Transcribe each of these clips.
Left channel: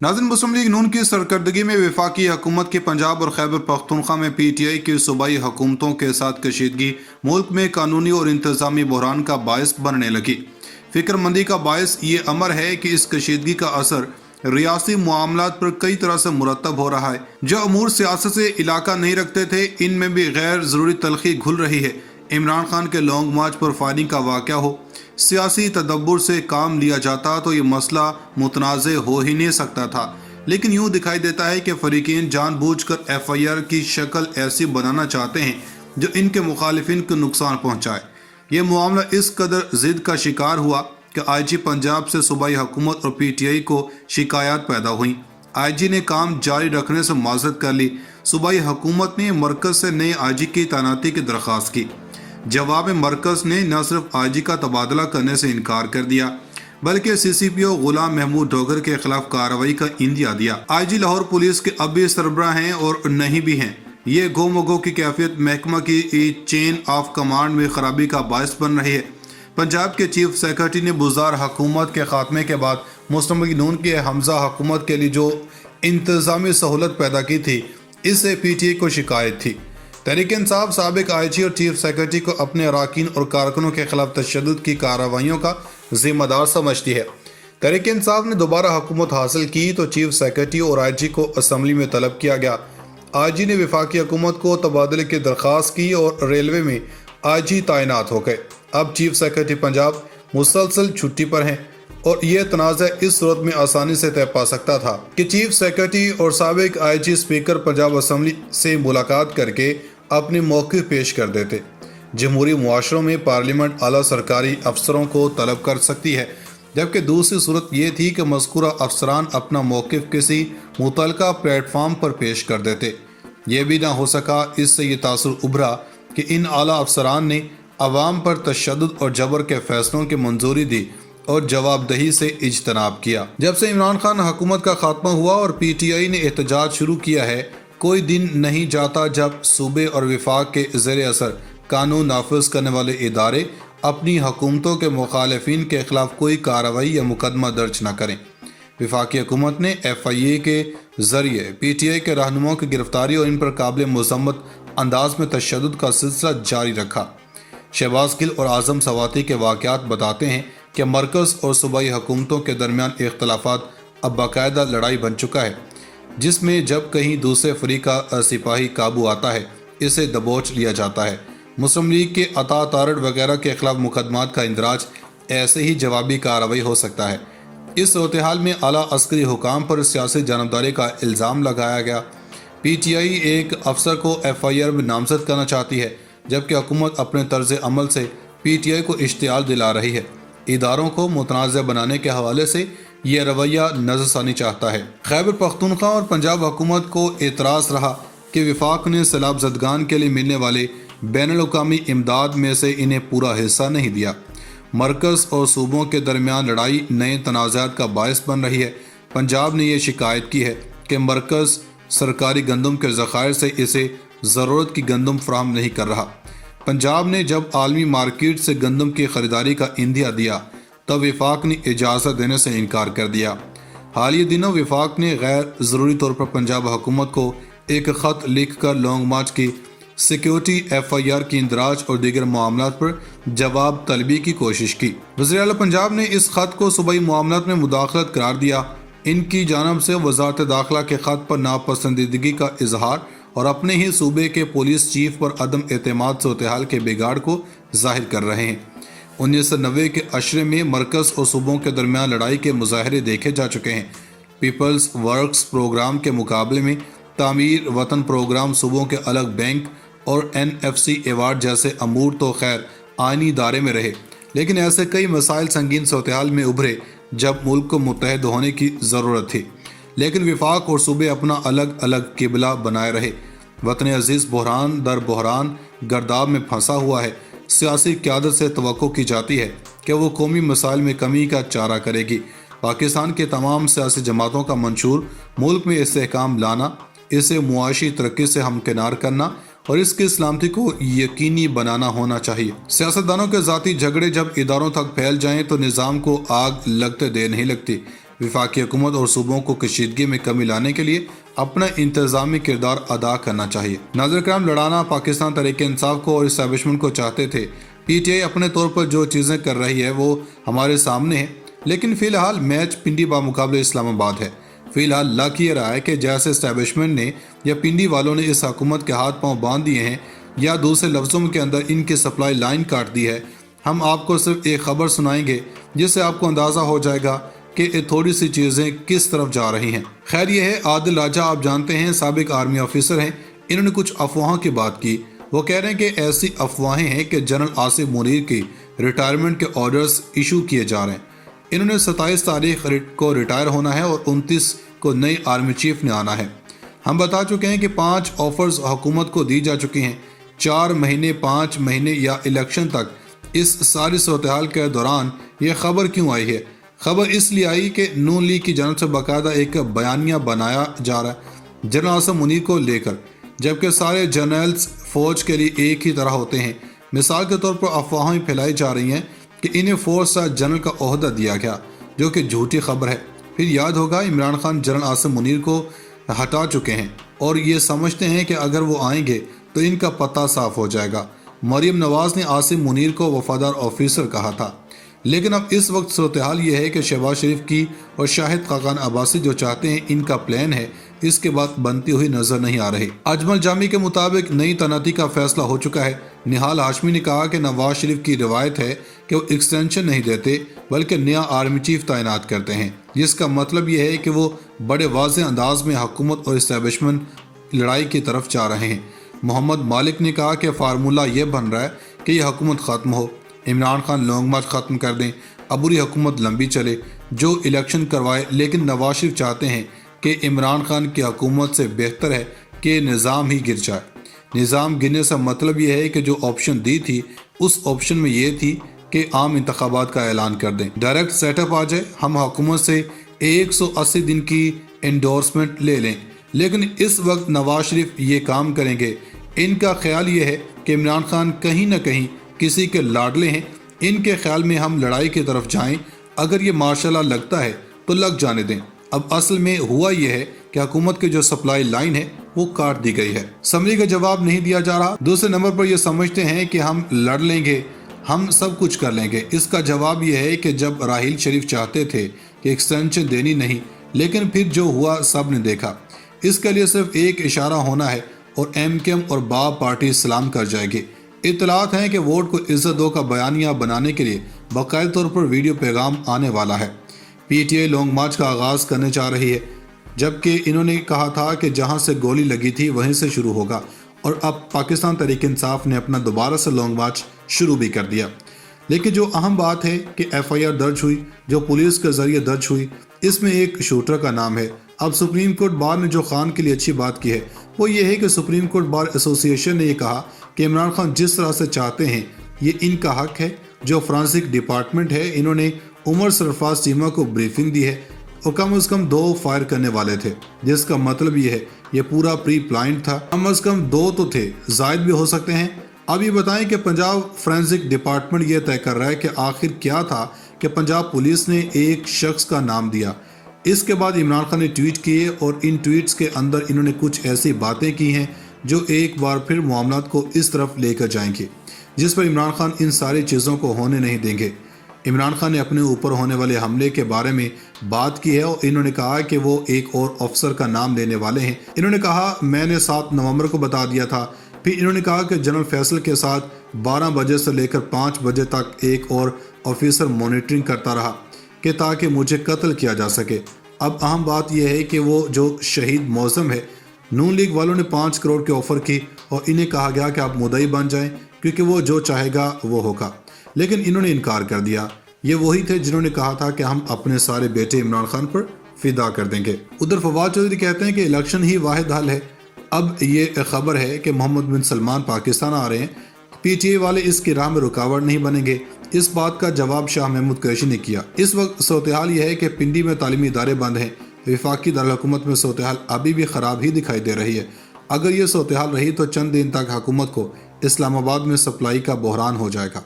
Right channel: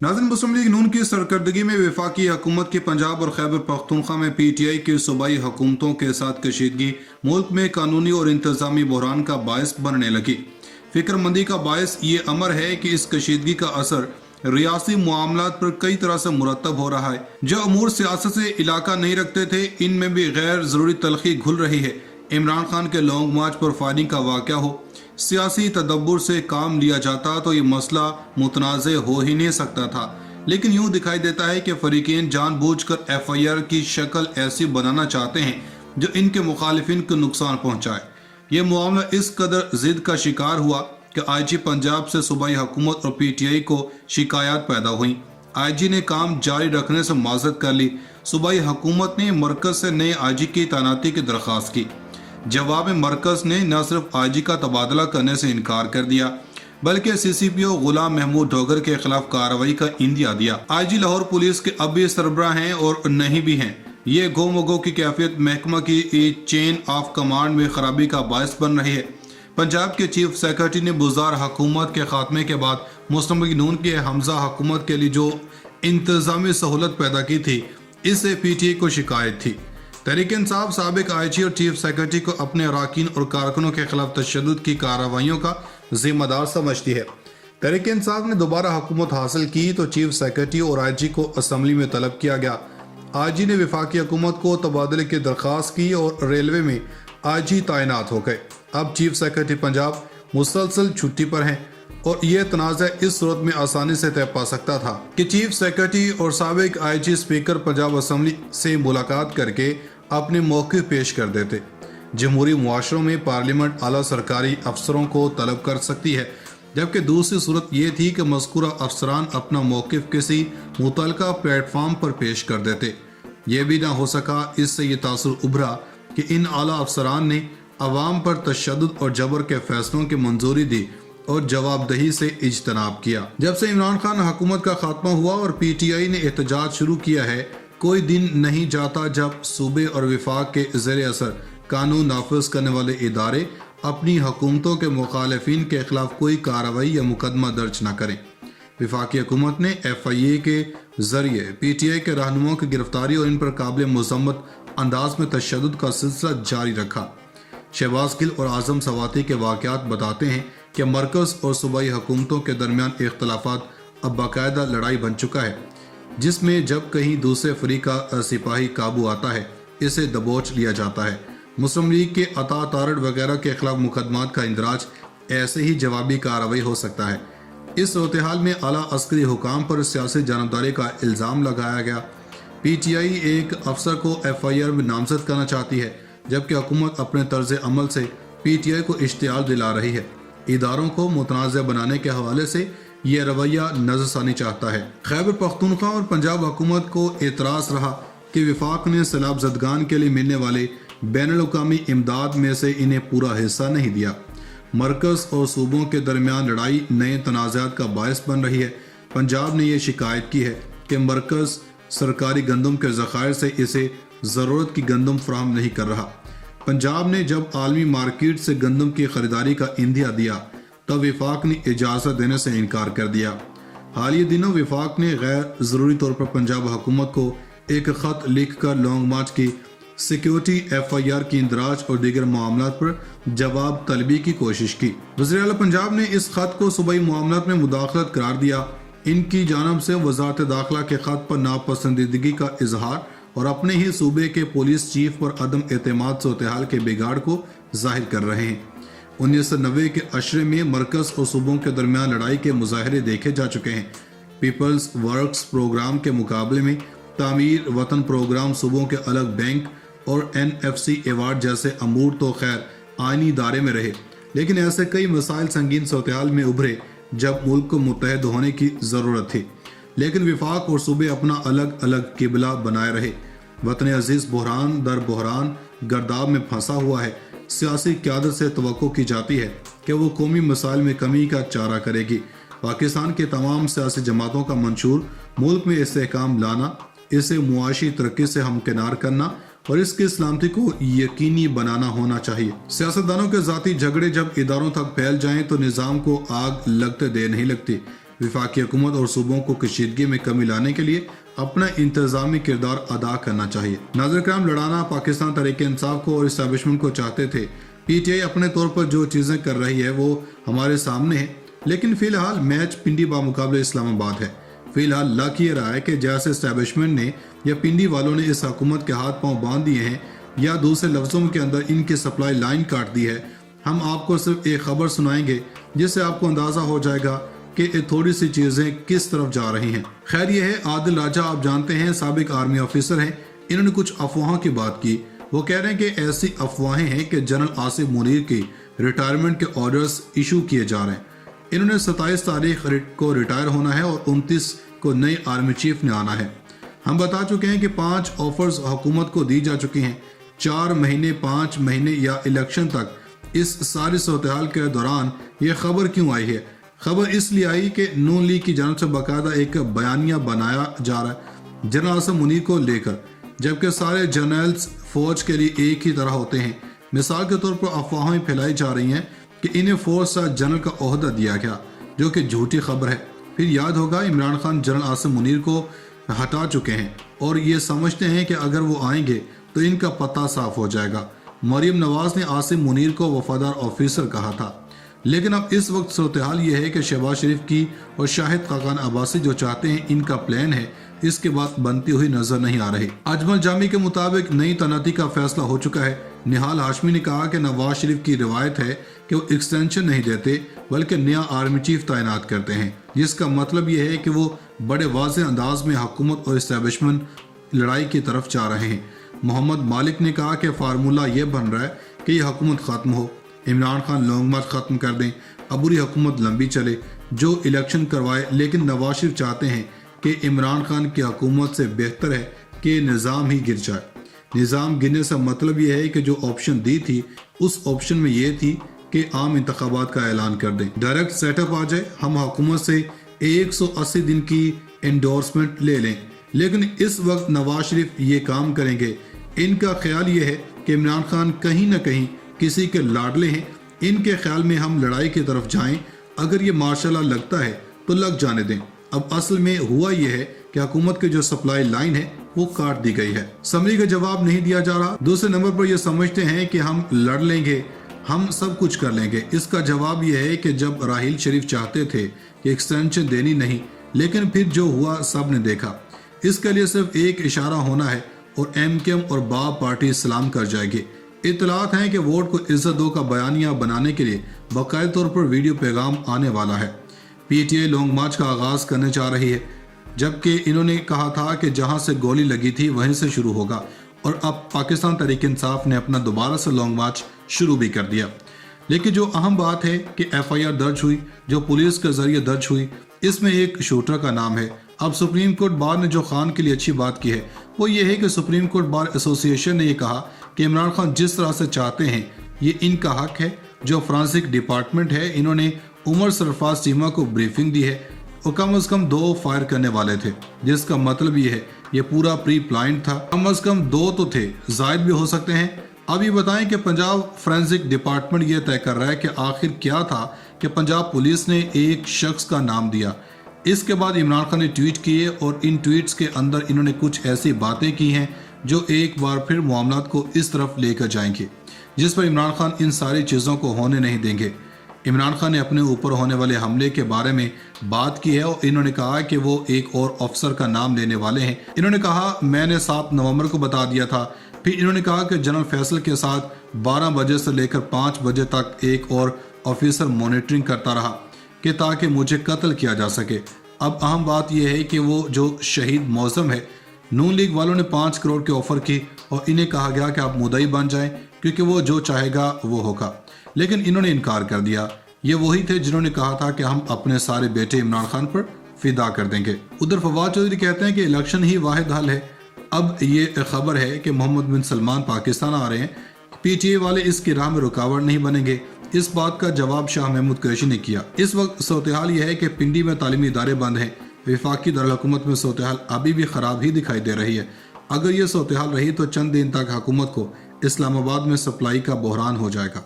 नाज़रीन, मुस्लिम लीग नून की सरकर्दगी में वफाकी हुकूमत की पंजाब और खैबर पख्तूनख्वा में PTI की सूबाई हुकूमतों के साथ कशीदगी मुल्क में कानूनी और इंतजामी बहरान का बायस बनने लगी। फिक्रमंदी का बायस ये अमर है कि इस कशीदगी का असर रियासी मामलात पर कई तरह से मुरतब हो रहा है। जो अमूर सियासत से इलाका नहीं रखते थे, इनमें भी गैर ज़रूरी तलखी घुल रही है। इमरान खान के लॉन्ग मार्च पर फायरिंग का वाक़या हो, सियासी तदब्बुर से काम लिया जाता तो ये मसला मुतनाज़ हो ही नहीं सकता था, लेकिन यूँ दिखाई देता है कि फरीकीन जानबूझकर FIR की शक्ल ऐसी बनाना चाहते हैं जो इनके मुखालिफिन को नुकसान पहुँचाए। ये मामला इस कदर ज़िद का शिकार हुआ कि IG पंजाब से सूबाई हुकूमत और PTI को शिकायत पैदा हुई। IG ने काम जारी रखने से माजरत कर ली। सूबाई हुकूमत ने मरकज़ से नए IG की तैनाती की दरख्वास्त की। जवाब में मरकज़ ने न सिर्फ IG का तबादला करने से इनकार कर दिया, बल्कि CCPO गुलाम महमूद डोगर के खिलाफ कार्रवाई का इंदिया दिया। IG लाहौर पुलिस के अब भी सरबराह हैं और नहीं भी हैं। ये गो मगो की कैफियत महकमा की चेन ऑफ कमांड में खराबी का बायस बन रही है। पंजाब के चीफ सेक्रेटरी ने बुज़दार हुकूमत के खात्मे के बाद मुस्लिम लीग नून की हमजा हुकूमत के लिए जो इंतजामी सहूलत पैदा की थी, इससे PTI को शिकायत थी। तहरीक इंसाफ साबिक IG और चीफ सेक्रेटरी को अपने अरकान और कारकुनों के खिलाफ तशद्दुद की कार्रवाइयों का जिम्मेदार समझती है। तहरीक इंसाफ ने दोबारा हुकूमत हासिल की तो चीफ सेक्रेटरी और IG को असम्बली में तलब किया गया। IG ने वफाकी हुकूमत को तबादले की दरख्वास्त की और रेलवे में IG तैनात हो गए। अब चीफ सेक्रेटरी पंजाब मुसलसल छुट्टी पर हैं और यह तनाज़ा इस सूरत में आसानी से तय पा सकता था कि चीफ सेक्रेटरी और साबिक IG स्पीकर पंजाब असम्बली से मुलाकात करके अपने मौक़िफ़ पेश कर देते। जमहूरी मुआशरों में पार्लियामेंट आला सरकारी अफसरों को तलब कर सकती है, जबकि दूसरी सूरत ये थी कि मज़कूरा अफसरान अपना मौक़िफ़ किसी मुतलका प्लेटफार्म पर पेश कर देते। ये भी ना हो सका। इससे ये तासुर उभरा कि इन आला अफसरान ने अवाम पर तशद्दुद और जबर के फैसलों की मंजूरी दी और जवाबदही से इज्तनाब किया। जब से इमरान खान हुकूमत का खात्मा हुआ और PTI ने एहतजाज शुरू किया है, कोई दिन नहीं जाता जब सूबे और वफाक के ज़ेर असर कानून नाफिज करने वाले इदारे अपनी हुकूमतों के मुखालिफिन के खिलाफ कोई कार्रवाई या मुकदमा दर्ज न करें। वफाकी हुकूमत ने FIA के जरिए PTI के रहनुमाओं की गिरफ्तारी और इन पर काबिल मज़म्मत अंदाज में तशद्दुद का सिलसिला जारी रखा। शहबाज गिल और आज़म सवाती के वाक़यात बताते हैं कि मरकज़ और सूबाई हुकूमतों के दरमियान इख्तलाफात अब बाकायदा लड़ाई बन चुका है, जिसमें जब कहीं दूसरे फरीक का सिपाही काबू आता है, इसे दबोच लिया जाता है। मुस्लिम लीग के अता तारड़ वगैरह के खिलाफ मुकदमात का इंदराज ऐसे ही जवाबी कार्रवाई हो सकता है। इस सूरत-ए-हाल में आला अस्करी हुकाम पर सियासी जानबदारी का इल्ज़ाम लगाया गया। PTI एक अफसर को FIR में नामजद करना चाहती है, जबकि हुकूमत अपने तर्ज अमल से PTI को इश्तियाल दिला रही है। इदारों को मुतनाज़ बनाने के हवाले से यह रवैया नज़रसानी चाहता है। खैबर पख्तूनख्वा और पंजाब हुकूमत को एतराज़ रहा कि वफाक ने सैलाब ज़दगान के लिए मिलने वाले बैनुल-अक़वामी इमदाद में से इन्हें पूरा हिस्सा नहीं दिया। मरकज़ और सूबों के दरमियान लड़ाई नए तनाज़ात का बायस बन रही है। पंजाब ने यह शिकायत की है कि मरकज़ सरकारी गंदम के ज़खायर से इसे ज़रूरत की गंदम फराहम नहीं कर रहा। पंजाब ने जब आलमी मार्केट से गंदम की खरीदारी का इंदिया दिया, तब वफाक ने इजाज़त देने से इनकार कर दिया। हालिया दिनों वफाक ने गैर ज़रूरी तौर पर पंजाब हुकूमत को एक ख़त लिख कर लॉन्ग मार्च की सिक्योरिटी FIR की इंदराज और दीगर मामलात पर जवाब तलबी की कोशिश की। वज़ीर आला पंजाब ने इस खत को सूबाई मामलात में मुदाखलत करार दिया। इनकी जानब से वज़ारत दाखिला के खत पर नापसंदीदगी का इजहार और अपने ही सूबे के पुलिस चीफ पर अदम एतमाद सूरत-ए-हाल के बिगाड़ को जाहिर कर रहे हैं। 1990 के अशरे में मरकज़ और सूबों के दरमियान लड़ाई के मुजाहरे देखे जा चुके हैं। पीपल्स वर्क्स प्रोग्राम के मुकाबले में तामीर वतन प्रोग्राम, सूबों के अलग बैंक और NFC अवार्ड जैसे अमूर तो खैर आइनी दायरे में रहे, लेकिन ऐसे कई मसाइल संगीन सूरत-ए-हाल में उभरे जब मुल्क को मुत्तहद होने की ज़रूरत थी, लेकिन वफाक और सूबे अपना अलग अलग किबला बनाए रहे। वतन अजीज़ बहरान दर बहरान गर्दाब में फंसा हुआ है। सियासी क़यादत से तवक्को की जाती है कि वो कौमी मसाइल में कमी का चारा करेगी। पाकिस्तान के तमाम सियासी जमातों का मंशूर मुल्क में इस्तेहकाम लाना, इसे मुआशी तरक्की से हमकिनार करना और इसकी सलामती को यकीनी बनाना होना चाहिए। सियासतदानों के ज़ाती झगड़े जब इदारों तक फैल जाएं तो निज़ाम को आग लगते देर नहीं लगती। वफाकी हुकूमत और सूबों को कशीदगी में कमी लाने के लिए अपना इंतजामी किरदार अदा करना चाहिए। नाज़रीन किराम, लड़ाना पाकिस्तान तहरीक इंसाफ को और इस्टेब्लिशमेंट को चाहते थे। पीटीआई अपने तौर पर जो चीज़ें कर रही है वो हमारे सामने है, लेकिन फ़िलहाल मैच पिंडी बामुकाबले इस्लामाबाद है। फ़िलहाल लग ये रहा है कि जैसे इस्टेब्लिशमेंट ने या पिंडी वालों ने इस हुकूमत के हाथ पांव बांध दिए हैं या दूसरे लफ्ज़ों के अंदर इनकी सप्लाई लाइन काट दी है। हम आपको सिर्फ एक खबर सुनाएंगे जिससे आपको अंदाज़ा हो जाएगा कि थोड़ी सी चीज़ें किस तरफ जा रही हैं। खैर ये है आदिल राजा, आप जानते हैं साबिक आर्मी ऑफिसर हैं। इन्होंने कुछ अफवाहों की बात की। वो कह रहे हैं कि ऐसी अफवाहें हैं कि जनरल आसिफ मुनीर की रिटायरमेंट के ऑर्डर्स इशू किए जा रहे हैं। इन्होंने 27 तारीख को रिटायर होना है और 29 को नए आर्मी चीफ ने आना है। हम बता चुके हैं कि 5 ऑफर्स हुकूमत को दी जा चुकी हैं। 4 महीने, 5 महीने या इलेक्शन तक इस सारी सूरत-ए-हाल के दौरान ये खबर क्यों आई है? खबर इसलिए आई कि नून लीग की जानिब से बाकायदा एक बयानिया बनाया जा रहा है जनरल आसिफ मुनीर को लेकर, जबकि सारे जनरल्स फौज के लिए एक ही तरह होते हैं। मिसाल के तौर पर अफवाहें फैलाई जा रही हैं कि इन्हें फोर्स जनरल का ओहदा दिया गया, जो कि झूठी खबर है। फिर याद होगा इमरान खान जनरल आसिफ मुनीर को हटा चुके हैं और ये समझते हैं कि अगर वो आएंगे तो इनका पता साफ हो जाएगा। मरियम नवाज ने आसिफ मुनीर को वफादार ऑफिसर कहा था, लेकिन अब इस वक्त सूरत-ए-हाल ये है कि शहबाज शरीफ की और शाहिद खाकान अब्बासी जो चाहते हैं इनका प्लान है, इसके बाद बनती हुई नजर नहीं आ रही। अजमल जामी के मुताबिक नई तैनाती का फैसला हो चुका है। निहाल हाशमी ने कहा कि नवाज शरीफ की रिवायत है कि वो एक्सटेंशन नहीं देते बल्कि नया आर्मी चीफ तैनात करते हैं, जिसका मतलब ये है कि वो बड़े वाज़ेह अंदाज में हुकूमत और इस्टेब्लिशमेंट लड़ाई की तरफ जा रहे हैं। मोहम्मद मालिक ने कहा कि फार्मूला ये बन रहा है कि यह हुकूमत ख़त्म हो, इमरान खान लॉन्ग मार्च ख़त्म कर दें, अबूरी हुकूमत लंबी चले, जो इलेक्शन करवाए। लेकिन नवाज शरीफ चाहते हैं कि इमरान खान की हुकूमत से बेहतर है कि निज़ाम ही गिर जाए। निज़ाम गिरने से मतलब ये है कि जो ऑप्शन दी थी उस ऑप्शन में ये थी कि आम इंतखाबात का ऐलान कर दें, डायरेक्ट सेटअप आ जाए, हम हुकूमत से 180 दिन की एंडोर्समेंट ले लें। लेकिन इस वक्त नवाज शरीफ ये काम करेंगे। इनका ख्याल ये है कि इमरान खान कहीं ना कहीं किसी के लाडले हैं। इनके ख्याल में हम लड़ाई की तरफ जाएं, अगर ये मार्शल लॉ लगता है तो लग जाने दें। अब असल में हुआ यह है कि हुकूमत की जो सप्लाई लाइन है वो काट दी गई है। समरी का जवाब नहीं दिया जा रहा। दूसरे नंबर पर ये समझते हैं कि हम लड़ लेंगे, हम सब कुछ कर लेंगे। इसका जवाब यह है कि जब राहील शरीफ चाहते थे कि एक्सटेंशन देनी नहीं, लेकिन फिर जो हुआ सब ने देखा। इसके लिए सिर्फ एक इशारा होना है और एमकेएम और बाप पार्टी सलाम कर जाएगी। इतलात हैं कि वोट को इज्जत दो का बयानिया बनाने के लिए बाकायदा तौर पर वीडियो पैगाम आने वाला है। पीटीआई लॉन्ग मार्च का आगाज करने जा रही है, जबकि इन्होंने कहा था कि जहां से गोली लगी थी वहीं से शुरू होगा, और अब पाकिस्तान तहरीक इंसाफ ने अपना दोबारा से लॉन्ग मार्च शुरू भी कर दिया। लेकिन जो अहम बात है कि एफआईआर दर्ज हुई, जो पुलिस के जरिए दर्ज हुई, इसमें एक शूटर का नाम है। अब सुप्रीम कोर्ट बार ने जो खान के लिए अच्छी बात की है वो ये है कि सुप्रीम कोर्ट बार एसोसिएशन ने ये कहा कि इमरान खान जिस तरह से चाहते हैं ये इनका हक है। जो फ्रांसिक डिपार्टमेंट है, इन्होंने उमर सरफराज चीमा को ब्रीफिंग दी है और कम से कम 2 फायर करने वाले थे, जिसका मतलब ये है ये पूरा प्री प्लान्ड था। कम से कम 2 तो थे, जायद भी हो सकते हैं। अब ये बताएं कि पंजाब फ्रेंसिक डिपार्टमेंट ये तय कर रहा है कि आखिर क्या था कि पंजाब पुलिस ने एक शख्स का नाम दिया। इसके बाद इमरान खान ने ट्वीट किए और इन ट्वीट्स के अंदर इन्होंने कुछ ऐसी बातें की हैं जो एक बार फिर मामलात को इस तरफ लेकर जाएंगे, जिस पर इमरान खान इन सारी चीज़ों को होने नहीं देंगे। इमरान खान ने अपने ऊपर होने वाले हमले के बारे में बात की है और इन्होंने कहा कि वो एक और अफसर का नाम लेने वाले हैं। इन्होंने कहा मैंने 7 नवंबर को बता दिया था। फिर इन्होंने कहा कि जनरल फैसल के साथ 12 बजे से लेकर 5 बजे तक एक और ऑफिसर मॉनिटरिंग करता रहा कि ताकि मुझे कत्ल किया जा सके। अब अहम बात यह है कि वो जो शहीद मौसम है, नून लीग वालों ने 5 करोड़ की ऑफर की और इन्हें कहा गया कि आप मुद्दई बन जाएं क्योंकि वो जो चाहेगा वो होगा, लेकिन इन्होंने इनकार कर दिया। ये वही थे जिन्होंने कहा था कि हम अपने सारे बेटे इमरान खान पर फिदा कर देंगे। उधर फवाद चौधरी कहते हैं कि इलेक्शन ही वाहिद हल है। अब ये खबर है कि मोहम्मद बिन सलमान पाकिस्तान आ रहे हैं, पीटीआई वाले इसकी राह में रुकावट नहीं बनेंगे। इस बात का जवाब शाह महमूद कुरैशी ने किया। इस वक्त सूरत-ए-हाल यह है कि पिंडी में तालीमी इदारे बंद हैं। वफाकी दारुल-हुकूमत में सूरत-ए-हाल अभी भी ख़राब ही दिखाई दे रही है। अगर ये सूरत-ए-हाल रही तो चंद दिन तक हुकूमत को इस्लामाबाद में सप्लाई का बहरान हो जाएगा।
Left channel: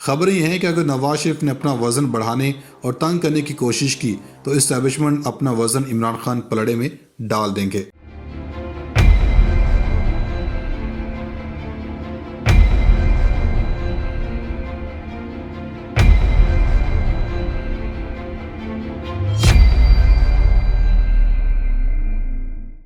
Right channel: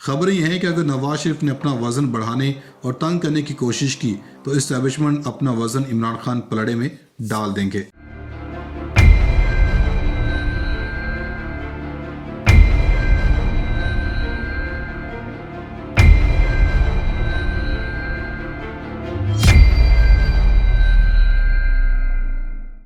खबर ये है कि अगर नवाज शरीफ ने अपना वजन बढ़ाने और तंग करने की कोशिश की تو اسٹیبلشمنٹ اپنا وزن عمران خان پلڑے میں ڈال دیں گے۔